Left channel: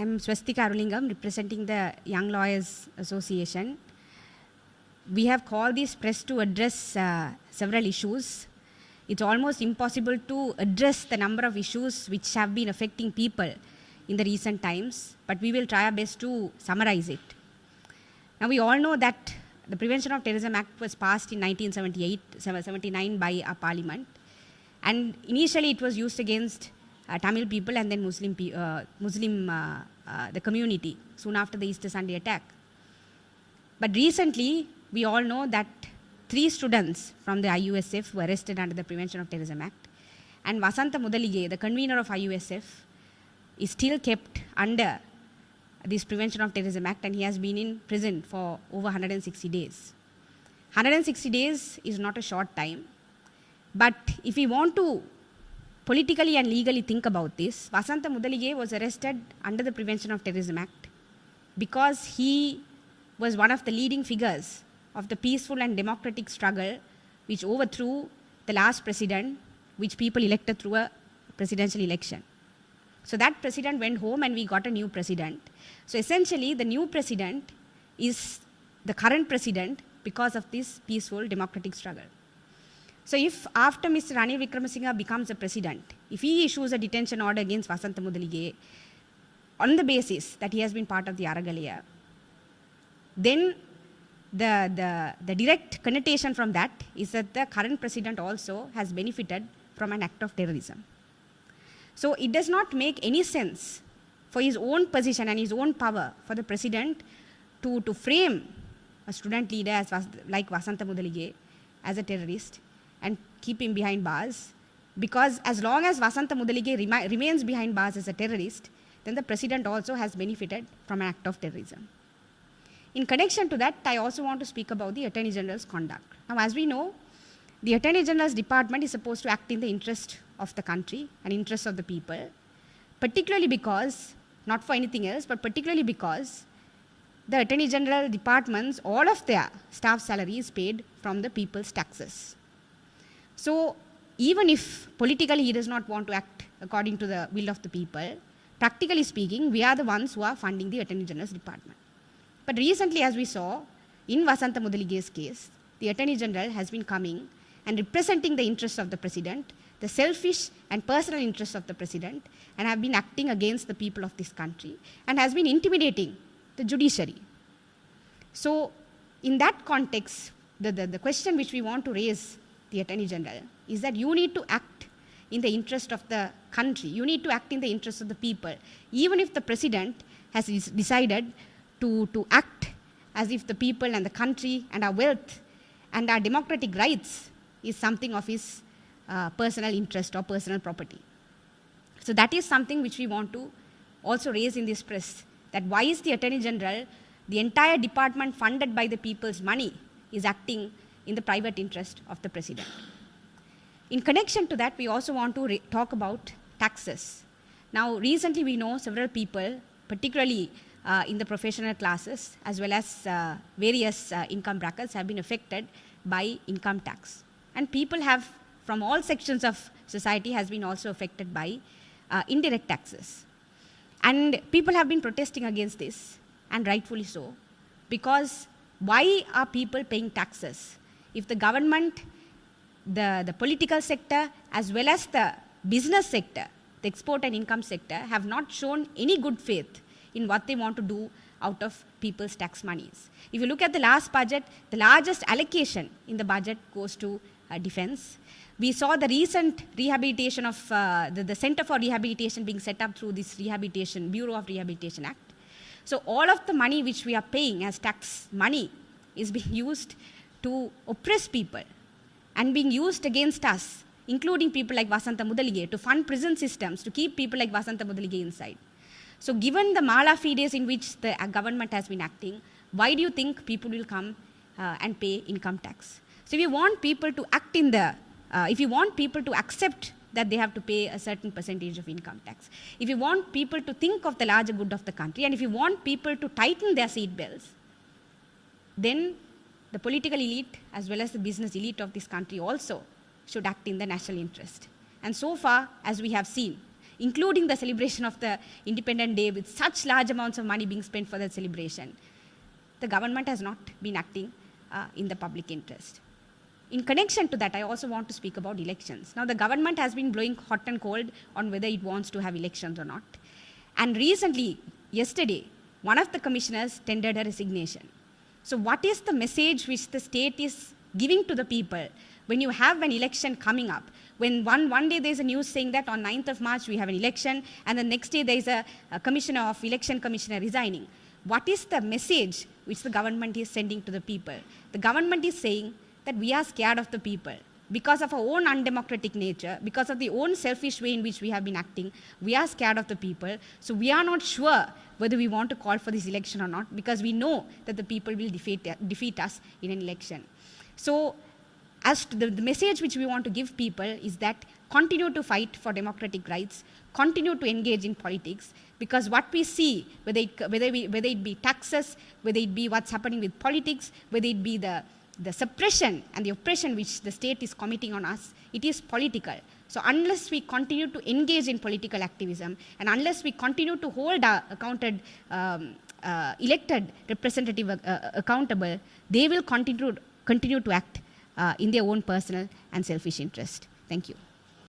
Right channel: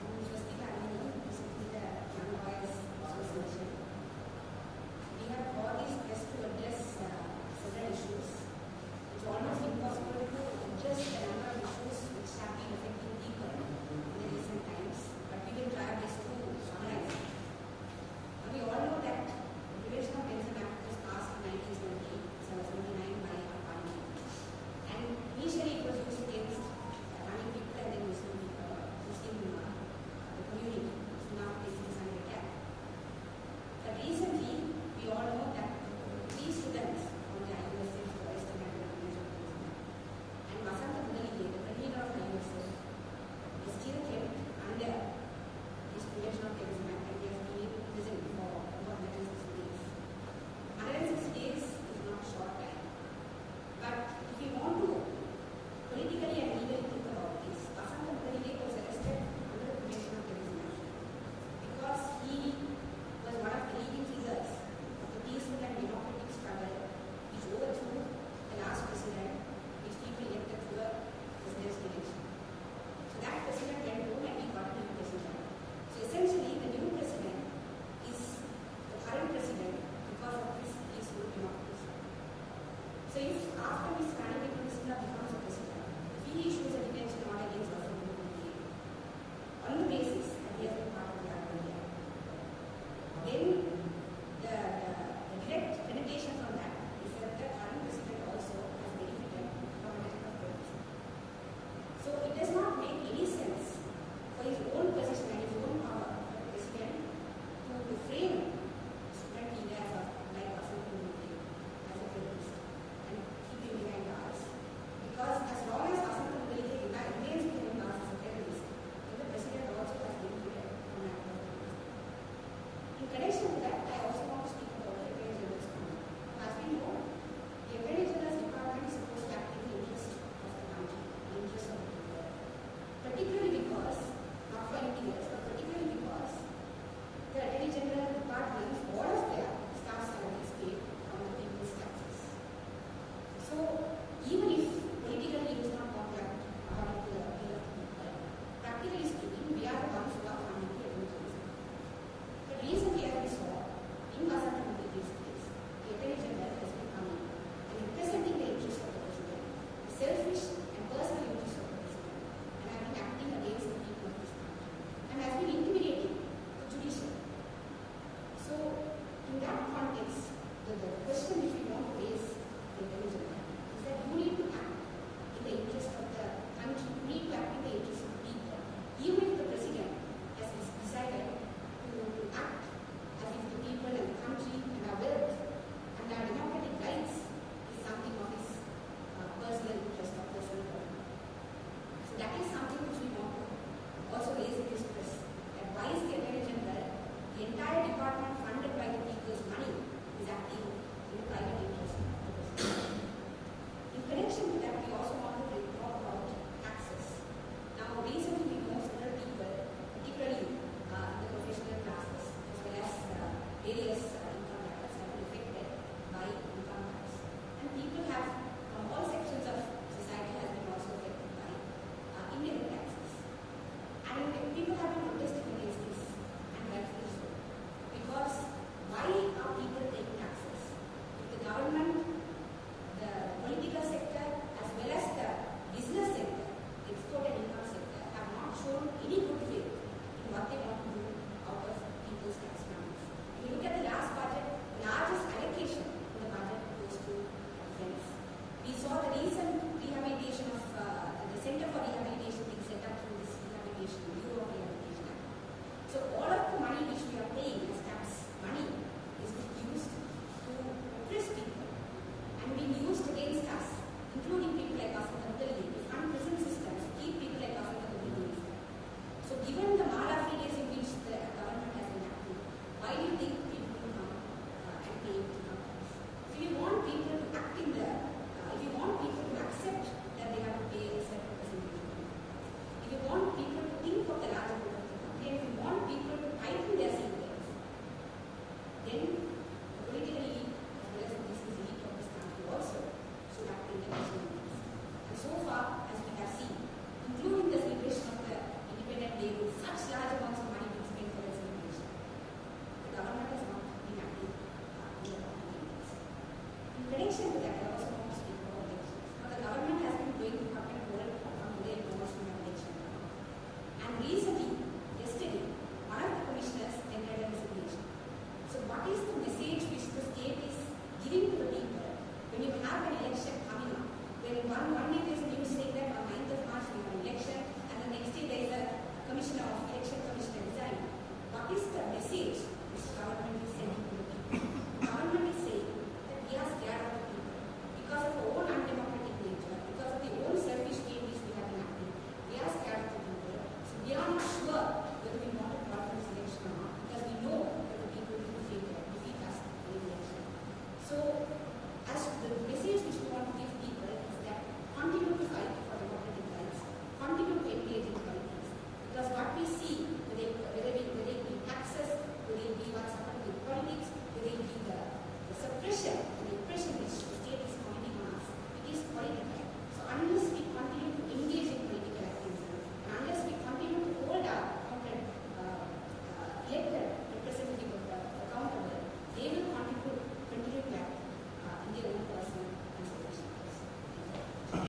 I'm Swastika Arulingam, representing the Young Lawyers Association. We have called this press to address several issues. It's almost impossible to address the number of issues which have been affecting people in the recent times, but we will try our best to summarize it. Now, we all know that the Prevention of Terrorism Act was passed in 1979 by our parliament, and initially it was used against Tamil people and then the community soon after the Easter Sunday attack. But recently, we all know that 3 students from the IUSF were arrested under the Prevention of Terrorism Act, and Vasantha Mudalige, the convener of IUSF, is still kept under this Prevention of Terrorism Act, and he has been in prison for over 160 days. 160 days is not a short time, but if we want to politically and legally think about this, Vasantha Mudalige was arrested under the Prevention of Terrorism Act because he was one of the leading figures of the peaceful and democratic struggle which overthrew the last president, which people elected through a presidential election. So that president went home and we got a new president. So essentially, the new president is the current president because of this peaceful democratic struggle. So if after Mr. Ranil Wickremesinghe becomes the president, if he issues a detention order against Vasantha Mudalige on the basis that he has been part of the Aragalaya, then the direct connotation from that is that the current president also has benefited from an act of terrorism. So it does not make any sense for his own position and his own power for the president to frame a student leader like Vasantha Mudalige as a terrorist and keep him behind bars, because as long as Vasantha Mudalige remains behind bars as a terrorist, then the president also has benefited from an act of terrorism. In connection to that, I also want to speak about the Attorney General's conduct. Now, as we know, the Attorney General's department is supposed to act in the interest of the country and interest of the people, particularly because, not for anything else, but particularly because the Attorney General departments, all of their staff salary is paid from the people's taxes. So even if politically he does not want to act according to the will of the people, practically speaking, we are the ones who are funding the Attorney General's department. But recently, as we saw, in Vasantha Mudalige's case, the Attorney General has been coming and representing the interests of the President, the selfish and personal interests of the President, and have been acting against the people of this country, and has been intimidating the judiciary. So, in that context, the question which we want to raise the Attorney General is that you need to act in the interest of the country, you need to act in the interest of the people, even if the President has decided to act as if the people and the country and our wealth and our democratic rights is something of his personal interest or personal property. So that is something which we want to also raise in this press, that why is the Attorney General, the entire department funded by the people's money, is acting in the private interest of the President. In connection to that, we also want to talk about taxes. Now, recently we know several people, particularly in the professional classes as well as various income brackets, have been affected by income tax. And people have, from all sections of society, has been also affected by indirect taxes. And people have been protesting against this, and rightfully so. Because why are people paying taxes? If the government, the political sector, as well as the business sector, the export and income sector, have not shown any good faith in what they want to do out of people's tax monies. If you look at the last budget, the largest allocation in the budget goes to defense. We saw the recent rehabilitation of the Center for Rehabilitation being set up through this Bureau of Rehabilitation Act. So all of the money which we are paying as tax money is being used to oppress people and being used against us, including people like Vasantha Mudalige, to fund prison systems, to keep people like Vasantha Mudalige inside. So given the mala fides in which the government has been acting, why do you think people will come and pay income tax? So if you want people to act in the, if you want people to accept that they have to pay a certain percentage of income tax, if you want people to think of the larger good of the country, and if you want people to tighten their seat belts, then the political elite as well as the business elite of this country also should act in the national interest. And so far, as we have seen, including the celebration of the Independence Day with such large amounts of money being spent for that celebration, the government has not been acting in the public interest. In connection to that, I also want to speak about elections. Now, the government has been blowing hot and cold on whether it wants to have elections or not. And recently, yesterday, one of the commissioners tendered a resignation. So what is the message which the state is giving to the people when you have an election coming up? When one day there is a news saying that on 9th of March we have an election, and the next day there is a election commissioner resigning. What is the message which the government is sending to the people? The government is saying that we are scared of the people. Because of our own undemocratic nature, because of the own selfish way in which we have been acting, we are scared of the people. So we are not sure whether we want to call for this election or not, because we know that the people will defeat us in an election. So as to the message which we want to give people is that continue to fight for democratic rights, continue to engage in politics, because what we see, whether it be taxes, whether it be what's happening with politics, whether it be the suppression and the oppression which the state is committing on us, it is political. So unless we continue to engage in political activism, and unless we continue to hold our elected representative accountable, they will continue to act in their own personal and selfish interest. Thank you.